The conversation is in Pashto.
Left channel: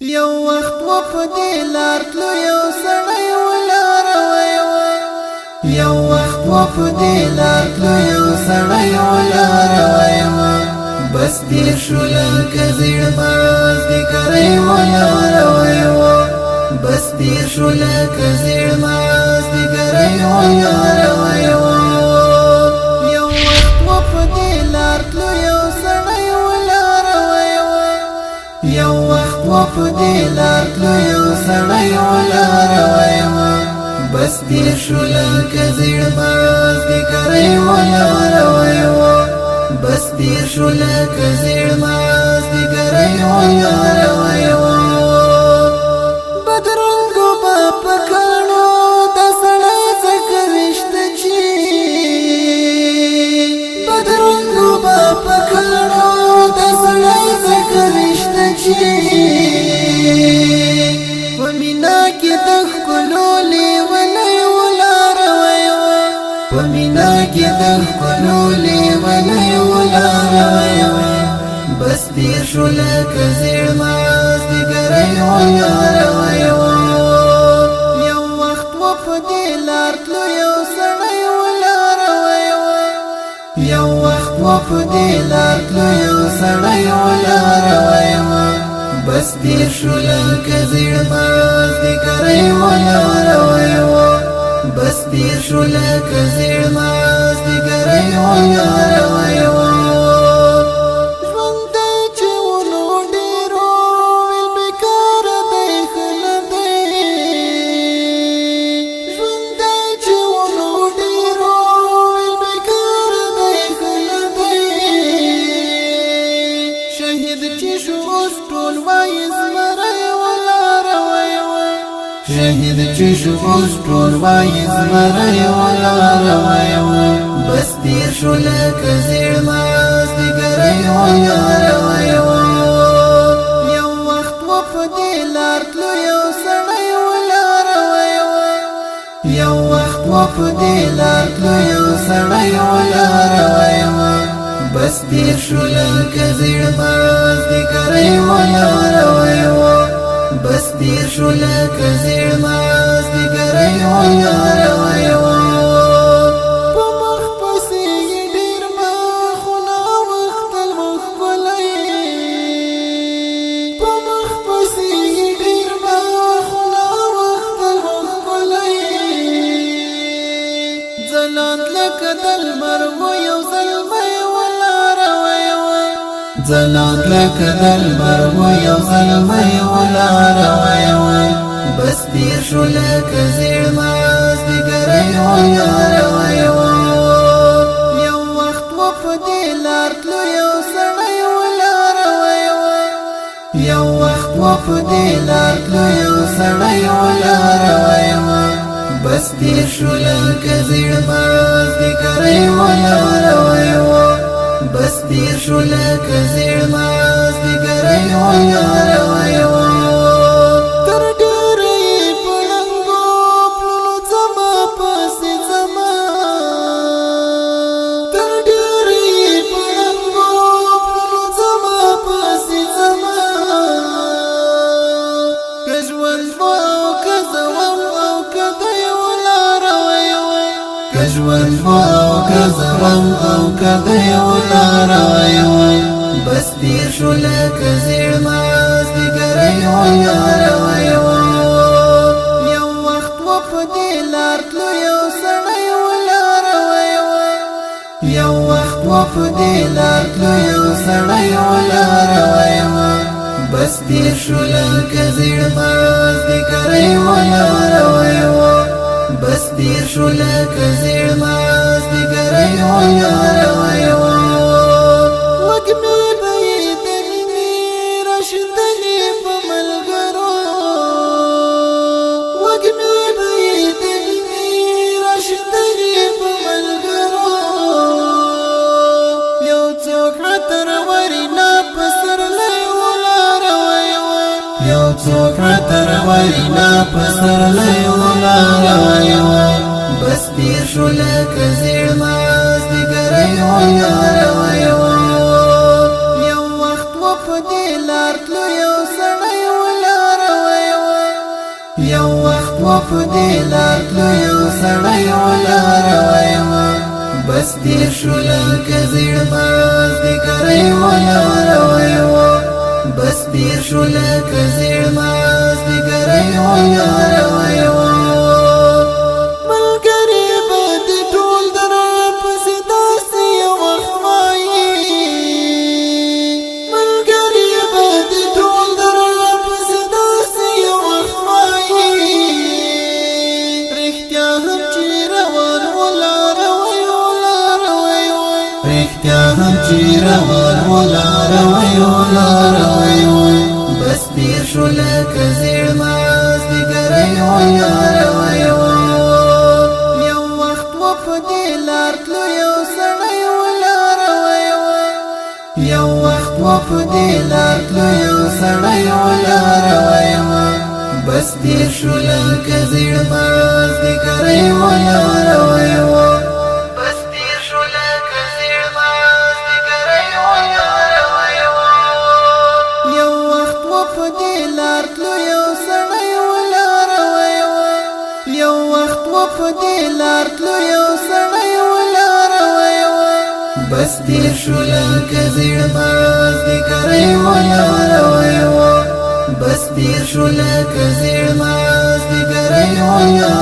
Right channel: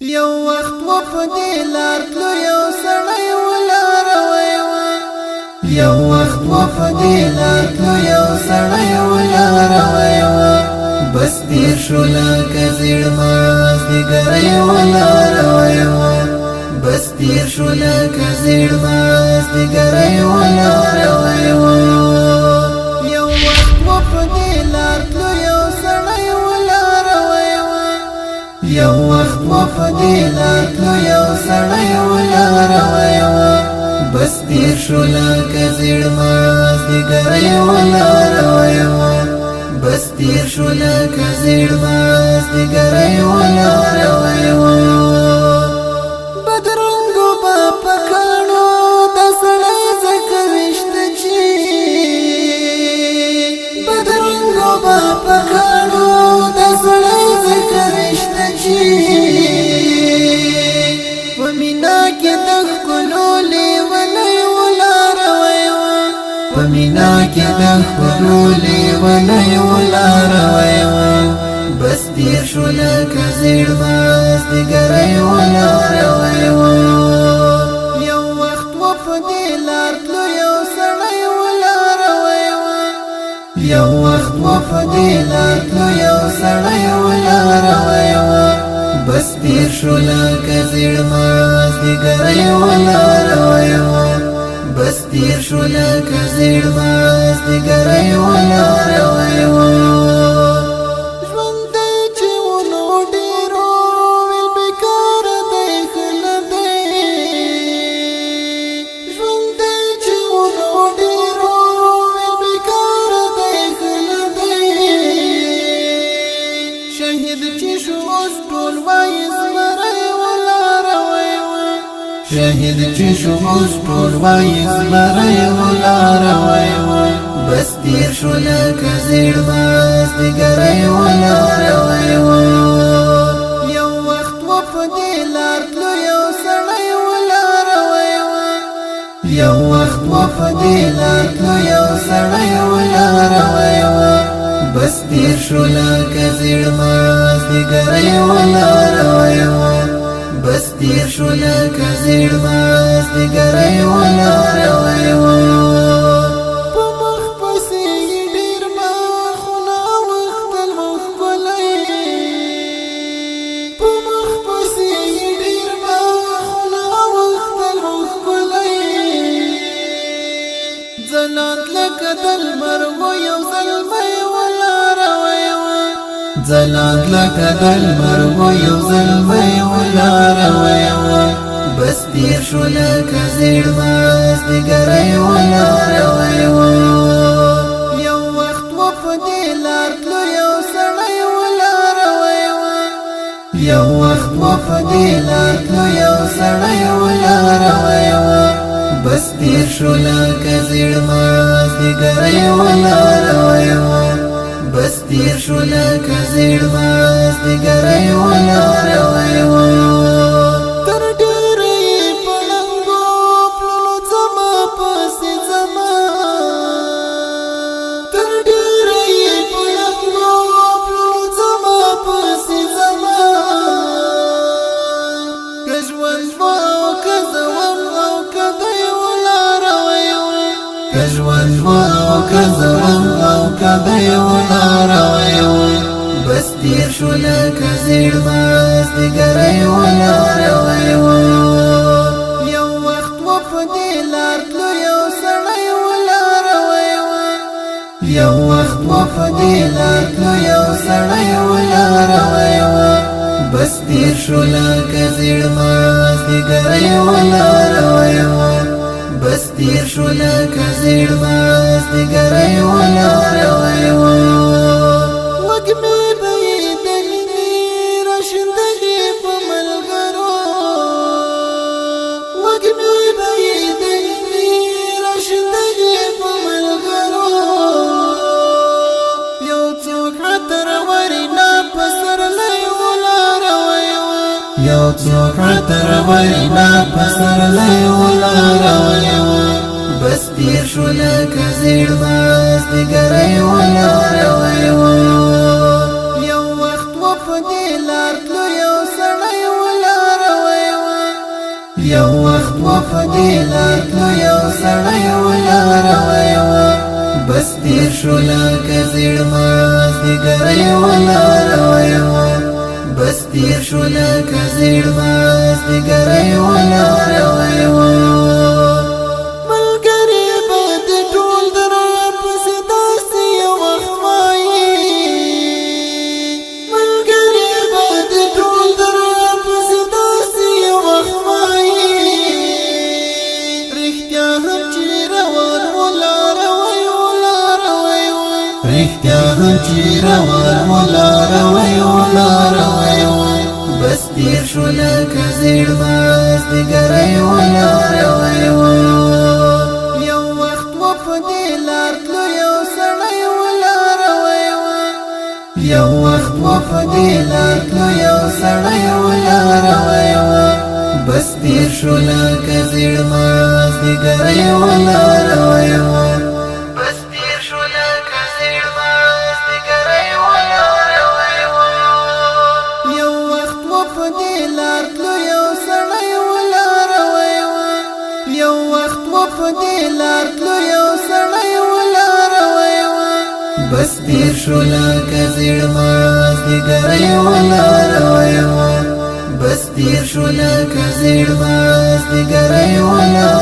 یو وخت و په دې لار تلو یو سړی ولار وایو یو وخت و په دې لار تلو یو سړی ولار وایو بس تیر شو لکه زیړ ماز د ګرۍ ولار وایو بس تیر شو لکه زیړ ماز د ګرۍ ولار وایو یو وخت و په دې لار تلو یو سړی ولار وایو یو وخت و په دې لار تلو یو سړی ولار وایو بس تیر شو لکه زیړ ماز د ګرۍ ولار وایو بس تیر شو لکه زیړ ماز د ګرۍ ولار وایو بدرنګو با پکړو د سړی ځکه وشته چې بدرنګو با پکړو د سړی ځکه وشته چې په مینا کې د ښکلو لیونی ولار وایو په مینا کې د ښکلو لیونی ولار وایو بس تیر شو لکه زیړ ماز د ګرۍ ولار وایو یو وخت و په دې لار تلو یو سړی ولار وایو یو وخت و په دې لار تلو یو سړی ولار وایو بس تیر شو لکه زیړ ماز د ګرۍ ولار وایو بس تیر شو لکه زیړ ماز د ګرۍ ولار وایو ژوند دی چې ونو ډېرو ویل بېکاره دی ښه نه دی ژوند دی چې ونو ډېرو ویل بېکاره دی ښه نه دی شهید چې شو اوس ټول وایي زمری ولار وایو شهید چې شو اوس ټول وایي زمری ولار وایو بس تیر شو لکه زیړ ماز د ګرۍ ولار وایو یو وخت و په دې لار تلو یو سړی ولار وایو یو وخت و په دې لار تلو یو سړی ولار وایو بس تیر شو لکه زیړ ماز د ګرۍ ولار وایو بس تیر شو لکه زیړ ماز د ګرۍ ولار وایو په مخ پسې یې ډېر مخونه وختل ښکلی په مخ پسې یې ډېر مخونه وختل ښکلی ځلانت لکه د لمر و یو زلمی ولار وایو ځلانت لکه د لمر و یو زلمی ولار وایو بس تیر شو لکه زیړ ماز د ګرۍ ولار وایو یو وخت و په دې لار تلو یو سړی ولار وایو یو وخت و په دې لار تلو یو سړی ولار وایو بس تیر شو لکه زیړ ماز د ګرۍ ولار وایو بس تیر شو لکه زیړ ماز د ګرۍ ولار وایو تر ډېره یې په ړنګو پلونو ځمه پسې ځمه تر ډېره یې په ړنګو پلونو ځمه پسې ځمه که ژوند و او که زوم او که دی ولار وایو که ژوند و او که زوم او که دی ولار وایو بس تیر شو لکه زیړ ماز د ګرۍ ولار وایو یو وخت و په دې لار تلو یو سړی ولار وایو یو وخت و په دې لار تلو یو سړی ولار وایو بس تیر شو لکه زیړ ماز د ګرۍ ولار وایو بس تیر شو لکه زیړ ماز د ګرۍ ولار وایو وږمې به یې د مینې راشندلې په ملګرو وږمې به یې د مینې راشندلې په ملګرو یو څوک عطر ورینا په سرلی ولار وایو یو څوک عطر ورینا په سرلی ولار وایو بس تیر شو لکه زیړ ماز د ګرۍ ولار وایو یو وخت و په دې لار تلو یو سړی ولار یو وخت و په دې لار تلو یو سړی ولاړ وای بس تیر شو لکه زیړ مازدیګری ولاړ وای بس تیر شو لکه زیړ مازدیګری ولاړ وای ملګری به دې ټول در پسې داسې یو وخت وایي ملګری به دې ټول در پسې داسې یو وخت وایي رښتیا هم چې روان ولاړ رښتیا هم چې روان ولاړ وای بس تیر شو لکه زیړ مازدیګری ولاړ وای یو وخت و په دې لار تلو یو سړی ولاړ وای یو وخت و په دې لار تلو یو سړی ولاړ وای بس تیر شو لکه زیړ مازدیګری ولاړ وای په دې لار تلو یو سړی ولاړ وای یو وخت و په دې لار تلو یو سړی ولاړ وای بس تیر شو لکه زیړ مازدیګری ولاړ وای بس تیر شو لکه زیړ مازدیګری ولاړ